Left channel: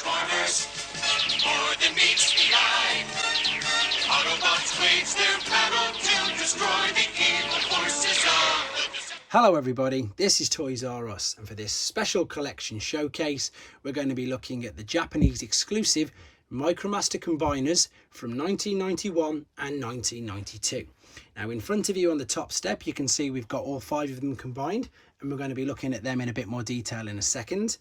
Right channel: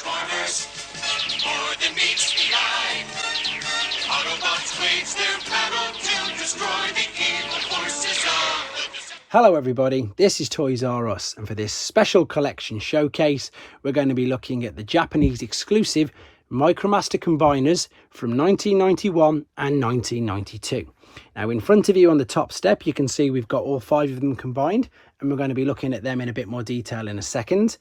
Transformers, more than meets the eye. Autobots wage their battle to destroy the evil forces of the... Hello everybody, this is Toys R Us, and for this special collection showcase we're going to be looking at the Japanese exclusive Micromaster combiners from 1991 and 1992. Now in front of you on the top step you can see we've got all 5 of them combined, and we're going to be looking at them in a bit more detail in a second.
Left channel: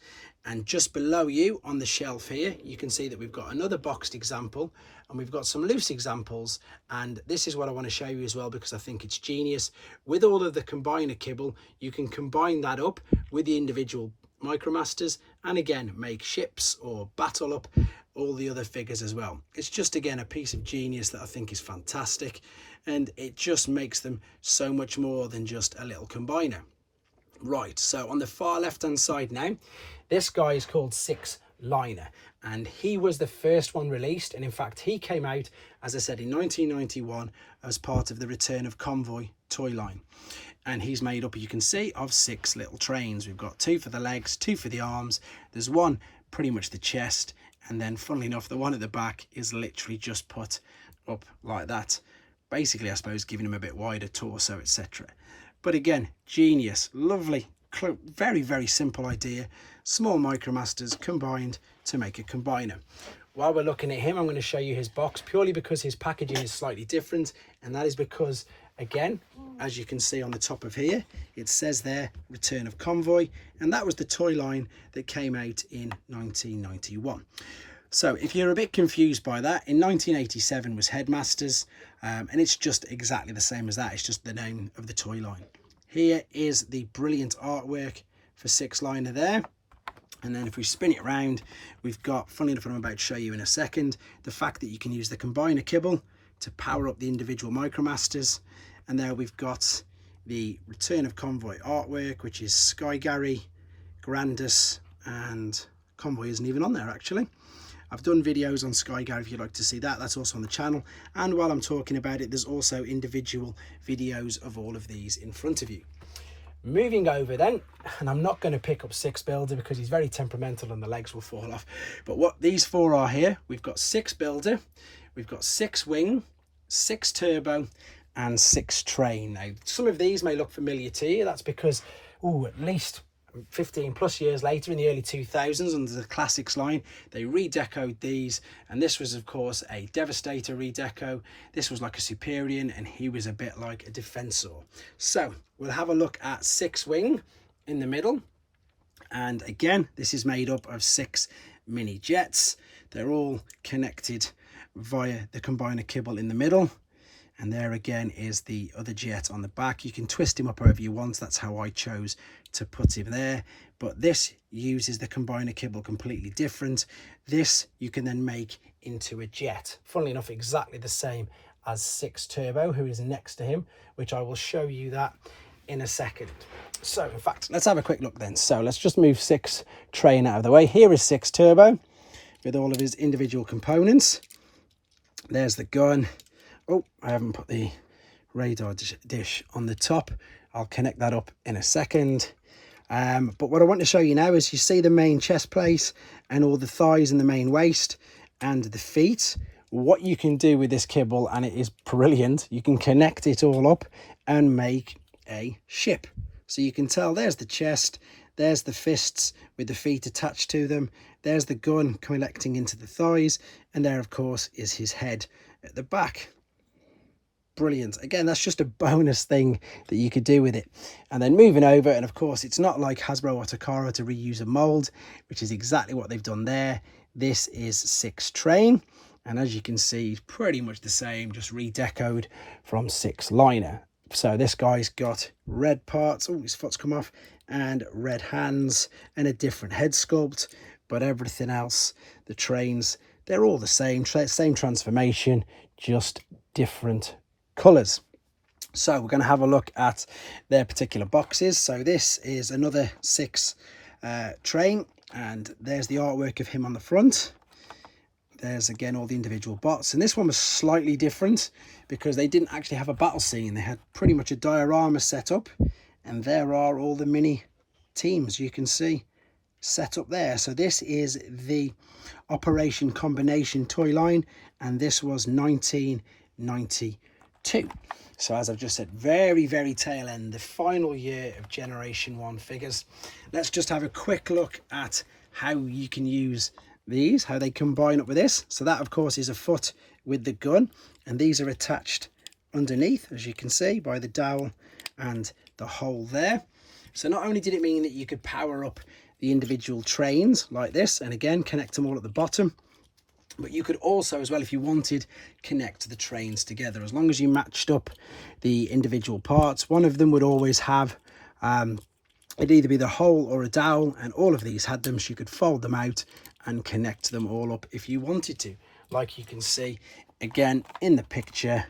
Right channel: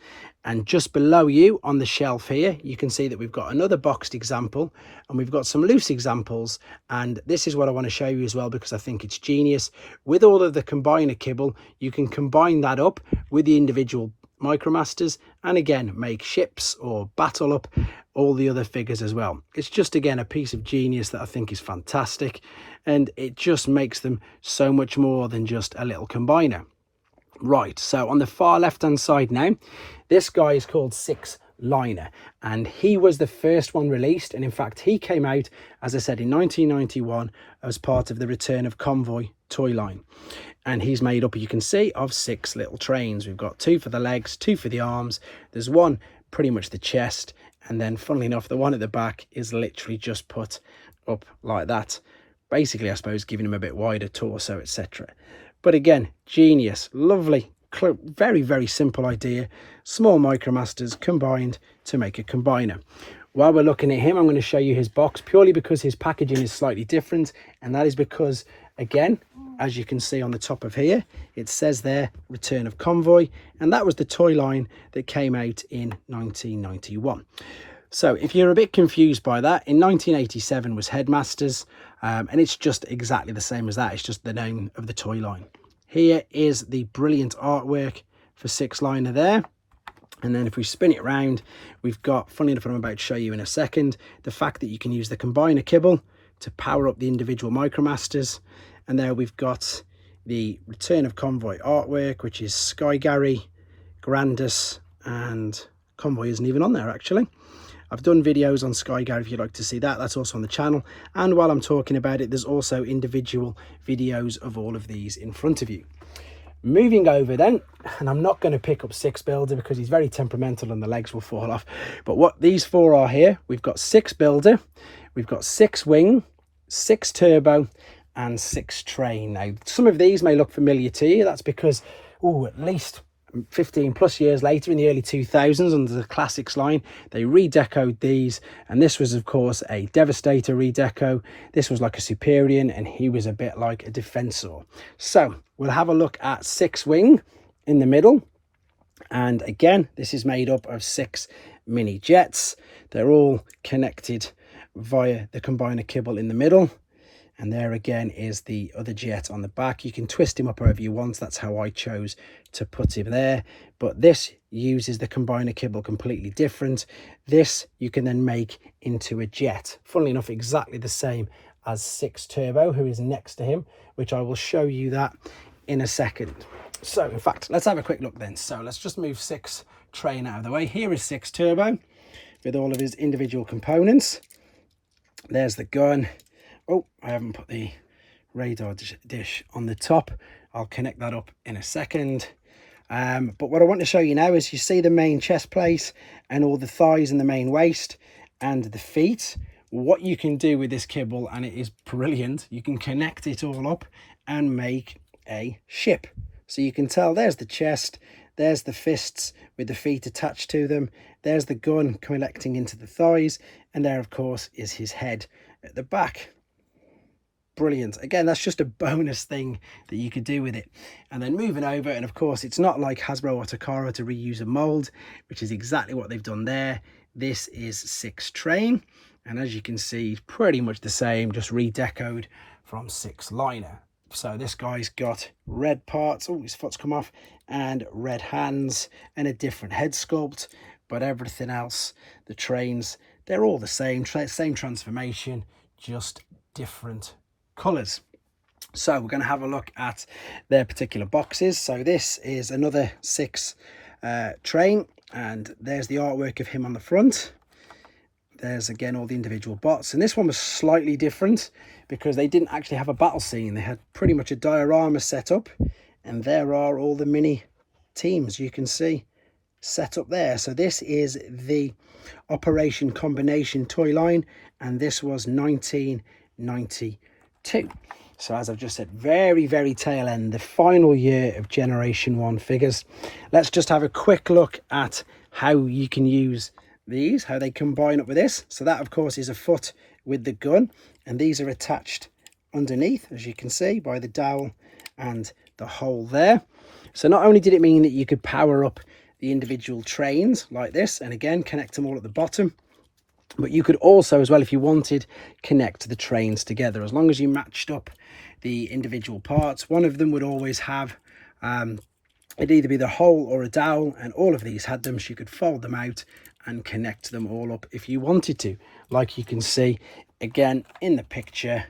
And just below you on the shelf here you can see that we've got another boxed example, and we've got some loose examples, and this is what I want to show you as well because I think it's genius. With all of the combiner kibble, you can combine that up with the individual Micromasters and again make ships or battle up all the other figures as well. It's just again a piece of genius that I think is fantastic, and it just makes them so much more than just a little combiner. Right, so on the far left hand side now, this guy is called Sixliner, and he was the first one released, and in fact he came out, as I said, in 1991 as part of the return of Convoy toy line. And he's made up, you can see, of 6 little trains. We've got 2 for the legs, 2 for the arms, there's one pretty much the chest, and then funnily enough the one at the back is literally just put up like that, basically I suppose giving him a bit wider torso, etc. But again, genius, lovely, very, very simple idea. Small Micromasters combined to make a combiner. While we're looking at him, I'm going to show you his box purely because his packaging is slightly different. And that is because, again, as you can see on the top of here, it says there, Return of Convoy. And that was the toy line that came out in 1991. So if you're a bit confused by that, in 1987 was Headmasters. And it's just exactly the same as that. It's just the name of the toy line. Here is the brilliant artwork for Sixliner there. And then if we spin it around, we've got, funny enough, I'm about to show you in a second, the fact that you can use the combiner kibble to power up the individual Micromasters. And there we've got the Return of Convoy artwork, which is Sky Gary, Grandus, and Convoy isn't even on there actually. I've done videos on Sky Gary if you'd like to see that. That's also on the channel. And while I'm talking about it, there's also individual videos of all of these in front of you. Moving over then, and I'm not going to pick up Sixbuilder because he's very temperamental and the legs will fall off. But what these 4 are here, we've got Sixbuilder, we've got Sixwing, Sixturbo, and Sixtrain. Now, some of these may look familiar to you. That's because, at least 15 plus years later in the early 2000s under the Classics line, they redecoed these, and this was of course a Devastator redeco. This was like a Superior, and he was a bit like a Defensor. So we'll have a look at Sixwing in the middle, and again this is made up of 6 mini jets. They're all connected via the combiner kibble in the middle. And there again is the other jet on the back. You can twist him up however you want. That's how I chose to put him there. But this uses the combiner kibble completely different. This you can then make into a jet. Funnily enough, exactly the same as Sixturbo, who is next to him, which I will show you that in a second. So in fact, let's have a quick look then. So let's just move Sixtrain out of the way. Here is Sixturbo with all of his individual components. There's the gun. Oh, I haven't put the radar dish on the top. I'll connect that up in a second. But what I want to show you now is you see the main chest plate and all the thighs and the main waist and the feet. What you can do with this kibble, and it is brilliant, you can connect it all up and make a ship. So you can tell there's the chest, there's the fists with the feet attached to them, there's the gun collecting into the thighs, and there of course is his head at the back. Brilliant. Again, that's just a bonus thing that you could do with it. And then moving over, and of course it's not like Hasbro or Takara to reuse a mold, which is exactly what they've done there. This is Sixtrain, and as you can see, pretty much the same, just redecoed from Sixliner. So this guy's got red parts, oh his foot's come off, and red hands and a different head sculpt, but everything else, the trains, they're all the same transformation, just different colours. So we're going to have a look at their particular boxes. So this is another Sixtrain, and there's the artwork of him on the front. There's again all the individual bots, and this one was slightly different because they didn't actually have a battle scene. They had pretty much a diorama set up, and there are all the mini teams you can see set up there. So this is the Operation Combination toy line, and this was 1992. So as I've just said, very, very tail end, the final year of Generation 1 figures. Let's just have a quick look at how you can use these, how they combine up with this. So that, of course, is a foot with the gun, and these are attached underneath, as you can see, by the dowel and the hole there. So not only did it mean that you could power up the individual trains like this, and again, connect them all at the bottom, but you could also, as well, if you wanted, connect the trains together. As long as you matched up the individual parts, one of them would always have, it'd either be the hole or a dowel, and all of these had them, so you could fold them out and connect them all up if you wanted to, like you can see again in the picture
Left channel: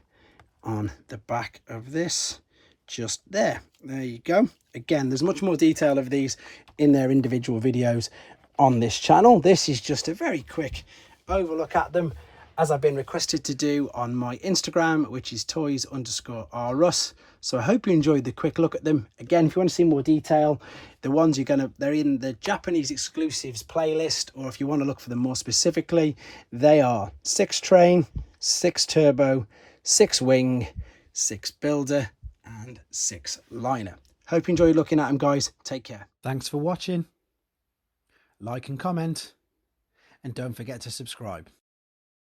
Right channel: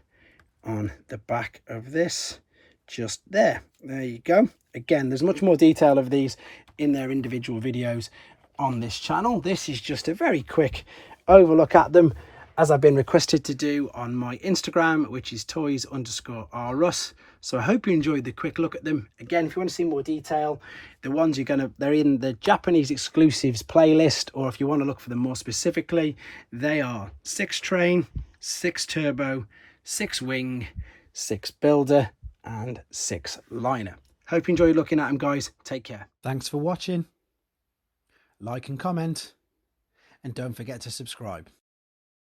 on the back of this, just there you go. Again, there's much more detail of these in their individual videos on this channel. This is just a very quick overlook at them, as I've been requested to do on my Instagram, which is toys_rus. So I hope you enjoyed the quick look at them. Again, if you want to see more detail, the ones they're in the Japanese exclusives playlist, or if you want to look for them more specifically, they are Sixtrain, Sixturbo, Sixwing, Sixbuilder, and Sixliner. Hope you enjoyed looking at them, guys. Take care. Thanks for watching. Like and comment, and don't forget to subscribe.